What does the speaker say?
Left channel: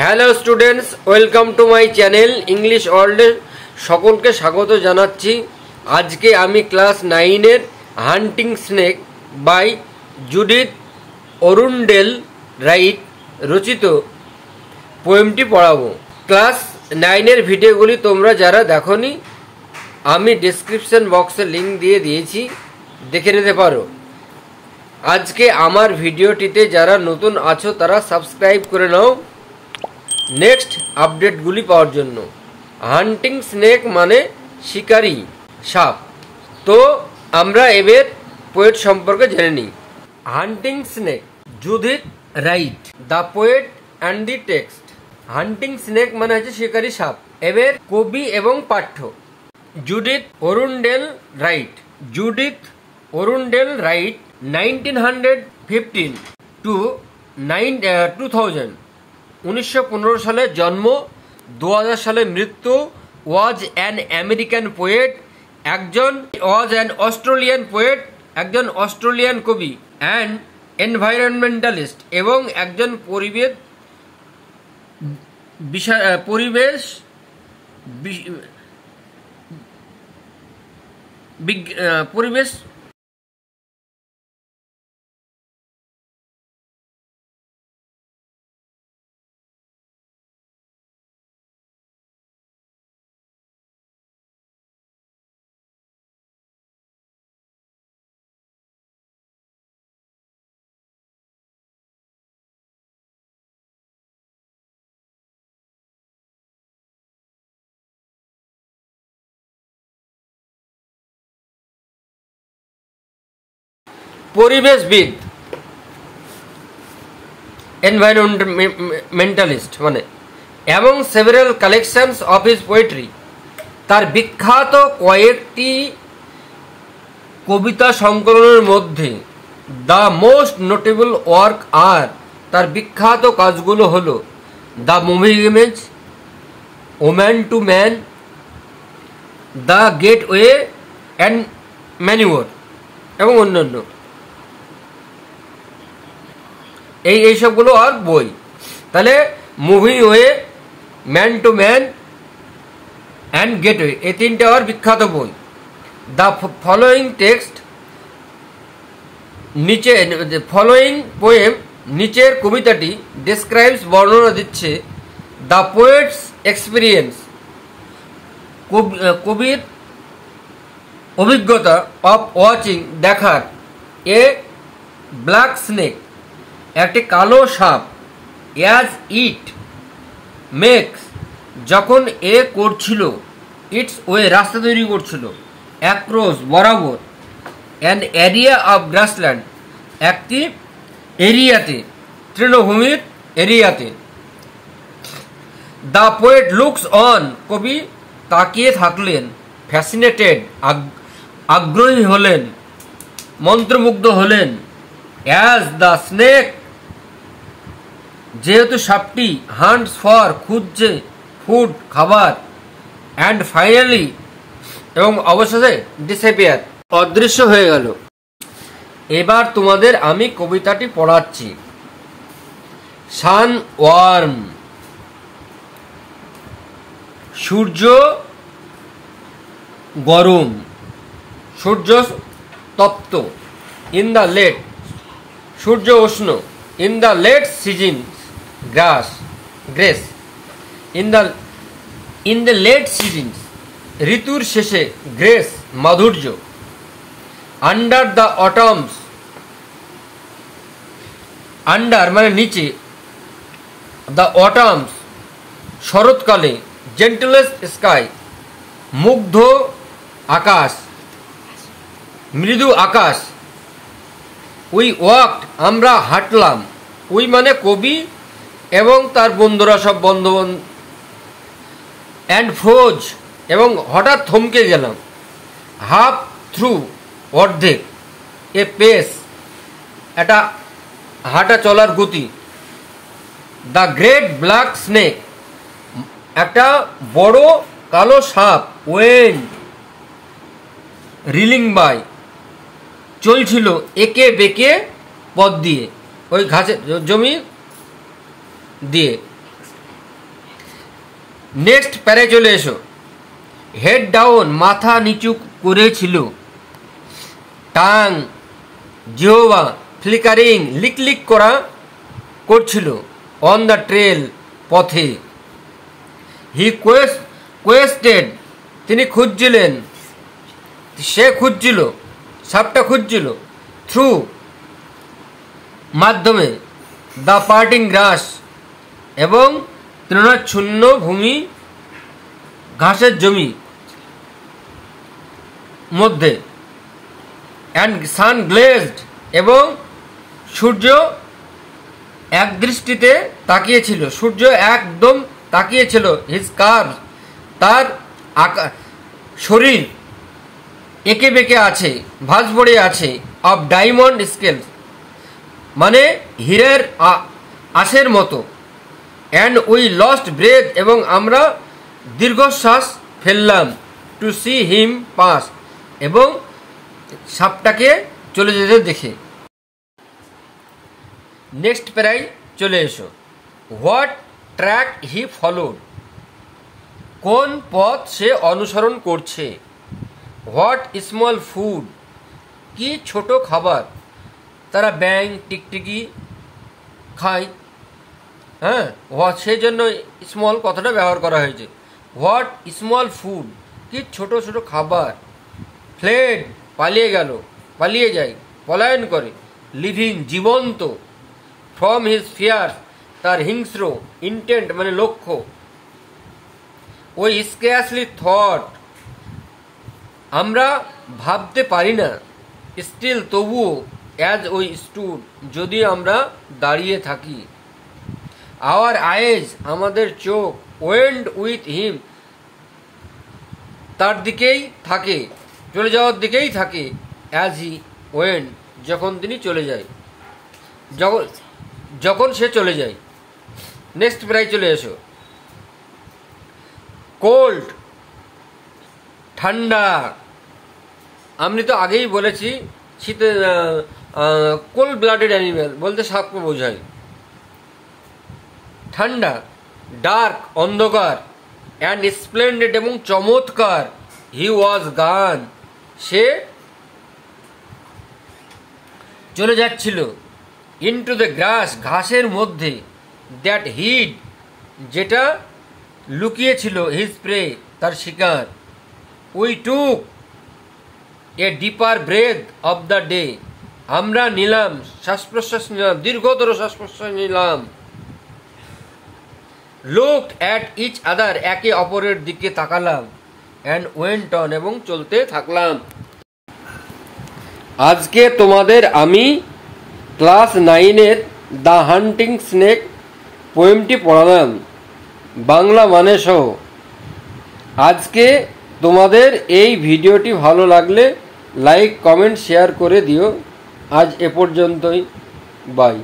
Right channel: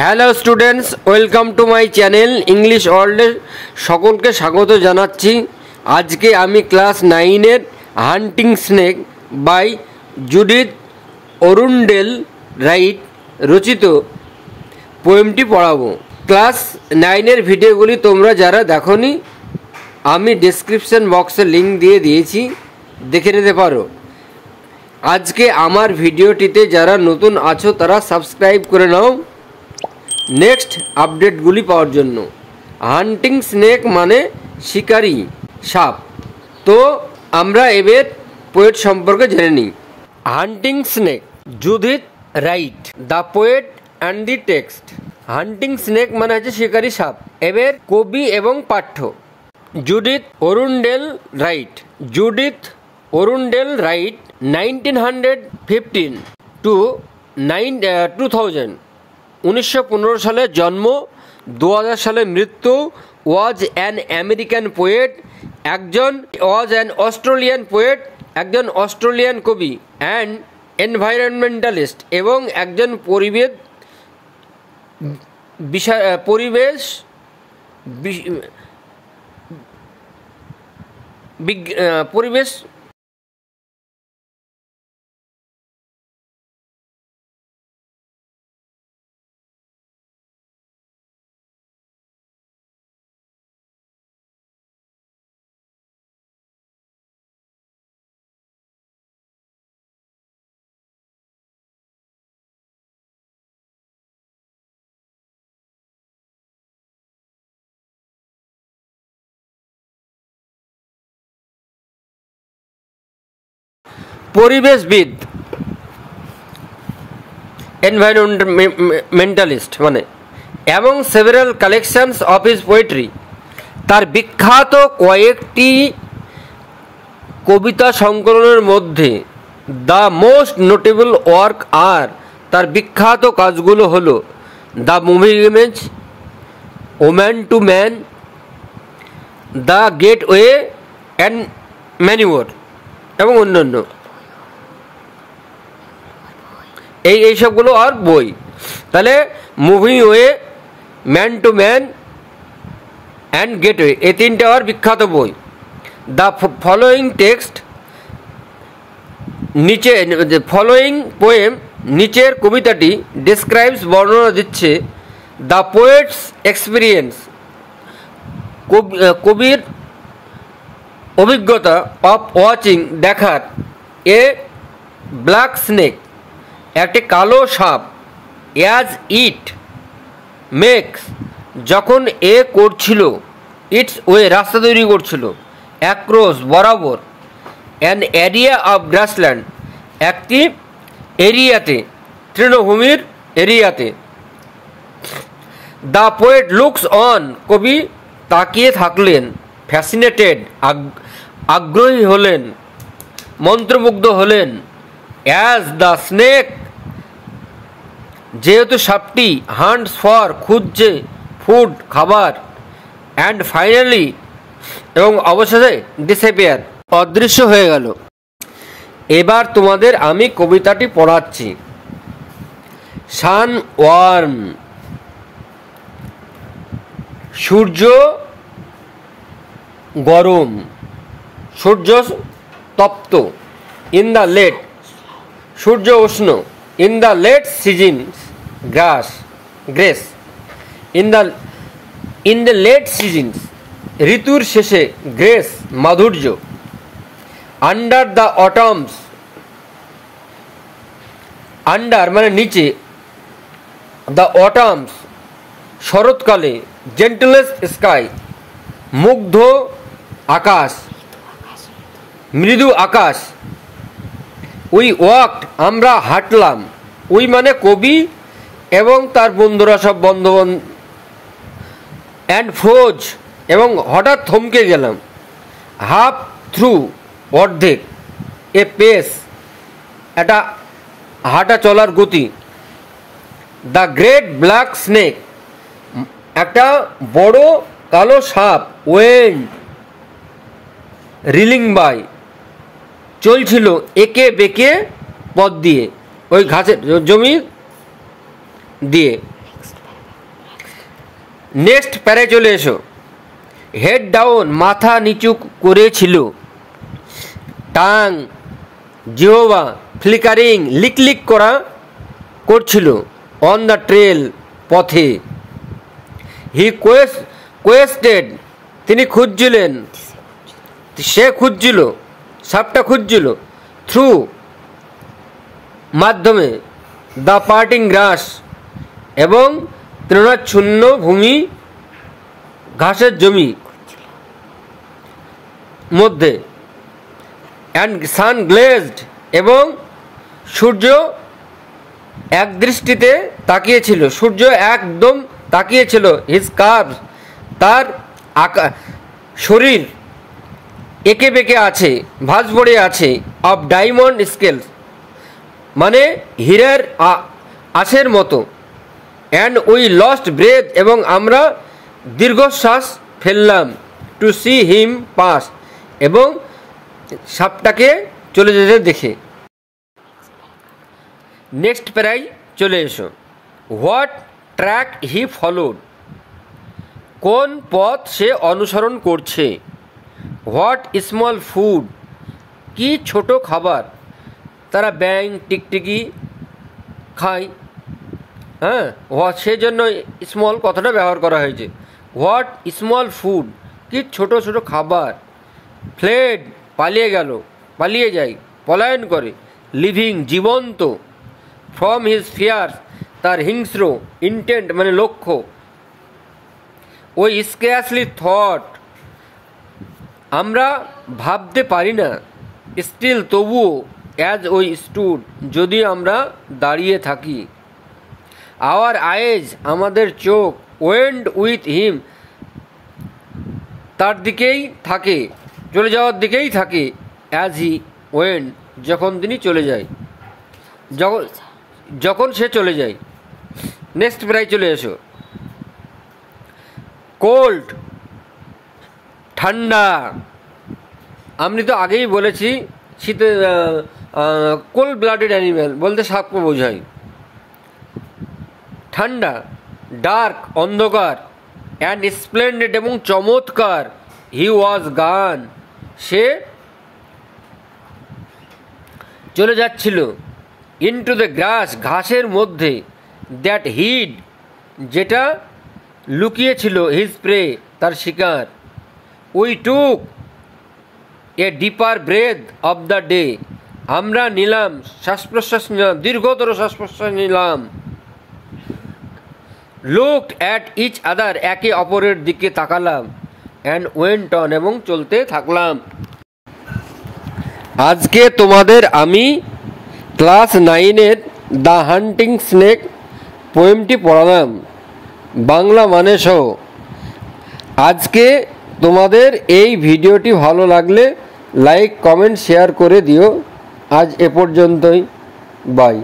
Hello students, welcome to my channel English ওয়ার্ল্ডে সকলকে স্বাগত জানাচ্ছি। আজকে আমি ক্লাস 9-এর hunting snake by Judith Arundell Wright রচিত পোয়েমটি পড়াবো। ক্লাস 9-এর ভিডিওগুলি তোমরা যারা দেখোনি, আমি ডেসক্রিপশন বক্সে লিঙ্ক দিয়ে দিয়েছি, দেখে নিতে পারো। আজকে আমার ভিডিওটিতে যারা নতুন আছো তারা সাবস্ক্রাইব করে নাও নেক্সট আপডেটগুলি পাওয়ার জন্য। হান্টিং স্নেক মানে শিকারী সাপ। তো আমরা এবার পোয়েট সম্পর্কে জেনে নিই। Hunting snake, Judith Wright, the poet and the text. Hunting snake মানে হচ্ছে শিকারী সাপ। এবার কবি এবং পাঠ্য। Judith Arundell Wright. Judith Arundell Wright 1915 to 2000, 1915 সালে জন্ম, 2000 সালে মৃত্যু। Was an American poet, Australian poet, একজন অস্ট্রেলিয়ান কবি অ্যান্ড এনভায়রনমেন্টালিস্ট এবং একজন পরিবেশ পরিবেশবিদ, এনভায়রনমেন্টালিস্ট মানে, এবং several collections of his poetry. তার বিখ্যাত কয়েকটি কবিতা সংকলনের মধ্যে দ্য মোস্ট নোটেবল ওয়ার্ক আর, তার বিখ্যাত কাজগুলো হলো the movie image, woman to man, the gateway and manure এবং অন্যান্য। এই সবগুলো আর বই। তাহলে movie way, man to man and gateway, এই তিনটে আর বিখ্যাত বই। দ্য ফলোয়িং টেক্সট, নিচে ফলোয়িং পোয়েম, নিচের কবিতাটি ডিসক্রাইবস, বর্ণনা দিচ্ছে দ্য পোয়েটস এক্সপিরিয়েন্স, কবির অভিজ্ঞতা, অফ ওয়াচিং, দেখার, এ ব্ল্যাক স্নেক, একটি কালো সাপ, অ্যাজ ইট মেক্স, যখন এ করছিল, ইটস ওয়ে, রাস্তা তৈরি করছিল, অ্যাক্রস, বরাবর, অ্যান এরিয়া অফ গ্রাসল্যান্ড, একটি এরিয়াতে, তৃণভূমির এরিয়াতে। দ্য পোয়েট লুকস অন, কবি তাকিয়ে থাকলেন, ফ্যাসিনেটেড, আগ্রহী হলেন, মন্ত্রমুগ্ধ হলেন, অ্যাজ দ্য স্নেক, যেহেতু সাপটি, হান্টস ফর, খুঁজছে, ফুড, খাবার, অ্যান্ড ফাইনালি, এবং অবশেষে ডিসঅ্যাপিয়ার, অদৃশ্য হয়ে গেল। এবার তোমাদের আমি কবিতাটি পড়াচ্ছি। সান ওয়ার্ম, সূর্য গরম, সূর্য তপ্ত। ইন দ্য লেট, সূর্য উষ্ণ। In the late seasons, grace. In the late seasons, ঋতুর শেষে, গ্রেস, মাধুর্য। আন্ডার দ্য অটামস, আন্ডার মানে নিচে, দ্য অটামস, শরৎকালে, জেন্টলেস স্কাই, মুগ্ধ আকাশ, মৃদু আকাশ। উই ওয়াকড, আমরা হাঁটলাম। উই মানে কবি এবং তার বন্ধুরা, সব বন্ধু। অ্যান্ড ফ্রোজ, এবং হঠাৎ থমকে গেলাম। হাফ থ্রু, অর্ধেক। এ পেস, একটা হাঁটা চলার গতি। দ্য গ্রেট ব্ল্যাক স্নেক, একটা বড় কালো সাপ। ওয়েন্ড রিলিং বাই, চলছিল একে বেঁকে পথ দিয়ে, ওই ঘাসের জমি দিয়ে। নেক্সট প্যারে চলে এসো। হেড ডাউন, মাথা নিচু করেছিল। টাং, জিহ্বা ফ্লিকারিং, লিকলিক করছিল। অন দ্য ট্রেল, পথে। হি কোয়েস্টেড, তিনি খুঁজছিলেন, সে খুঁজছিল, সাপটা খুঁজছিল। থ্রু, মাধ্যমে। দ্য পার্টিং গ্রাস, এবং তৃণাচ্ছন্ন ভূমি, ঘাসের জমি মধ্যে। অ্যান্ড সান গ্লেজড, এবং সূর্য একদৃষ্টিতে তাকিয়েছিল, সূর্য একদম তাকিয়েছিল। হিজ কার্ভ, তার শরীর এঁকে বেঁকে আছে, ভাঁজ পড়ে আছে। অফ ডায়মন্ড স্কেলস, মানে হীরের আঁশের মতো। অ্যান্ড উই লস্ট ব্রেথ, এবং আমরা দীর্ঘশ্বাস ফেললাম। টু সি হিম পাস, এবং সাপটাকে চলে যেতে দেখে। নেক্সট প্যারায় চলে এসো। হোয়াট ট্র্যাক হি ফলোড, কোন পথ সে অনুসরণ করছে। হোয়াট স্মল ফুড, কি ছোট খাবার। তারা ব্যাঙ, টিকটিকি খায়। হ্যাঁ, সেজন্য স্মল কথাটা ব্যবহার করা হয়েছে। হোয়াট স্মল ফুড, কি ছোট ছোট খাবার। ফ্লেড, পালিয়ে গেল, পালিয়ে যায়, পলায়ন করে। লিভিং, জীবন্ত। ফ্রম হিজ ফিয়ার, তার হিংস্র। ইন্টেন্ট, মানে লক্ষ্য। ওই স্কেয়াসলি থট, আমরা ভাবতে পারি না। স্টিল, তবুও। অ্যাজ ওই স্টুড, যদি আমরা দাঁড়িয়ে থাকি। আওয়ার আইজ, আমাদের চোখ। ওয়েন্ড উইথ হিম, তার দিকেই থাকে, চলে যাওয়ার দিকেই থাকে। অ্যাজ হি ওয়েন্ড, যখন তিনি চলে যায়, যখন সে চলে যায়। নেক্সট প্রায় চলে এসো। কোল্ড, ঠান্ডা। আমি তো আগেই বলেছি শীতে কোল্ড ব্লাডেড অ্যানিম্যাল বলতে সাপকে বোঝায়। ঠান্ডা। ডার্ক, অন্ধকার। অ্যান্ড স্প্লেন্ডেড, এবং চমৎকার। হি ওয়াজ গান, সে চলে যাচ্ছিল। ইনটু দ্য গ্রাস, ঘাসের মধ্যে। দ্যাট হিড, যেটা লুকিয়েছিল। হিজ প্রে, তার শিকার। We took a deeper breath of the day, আমরা নিলাম শ্বাস প্রশ্বাস, নিলাম দীর্ঘতর শ্বাস প্রশ্বাস নিলাম। লুকড অ্যাট ইচ আদার, একে অপরের দিকে তাকালাম। অ্যান্ড ওয়েন্ট অন, এবং চলতে থাকলাম। আজকে তোমাদের আমি ক্লাস 9-এর দ্য হান্টিং স্নেক পোয়েমটি পড়ালাম, বাংলা মানে সহ। আজকে তোমাদের এই ভিডিওটি ভালো লাগলে লাইক, কমেন্ট, শেয়ার করে দিও। আজ এ পর্যন্তই, বাই।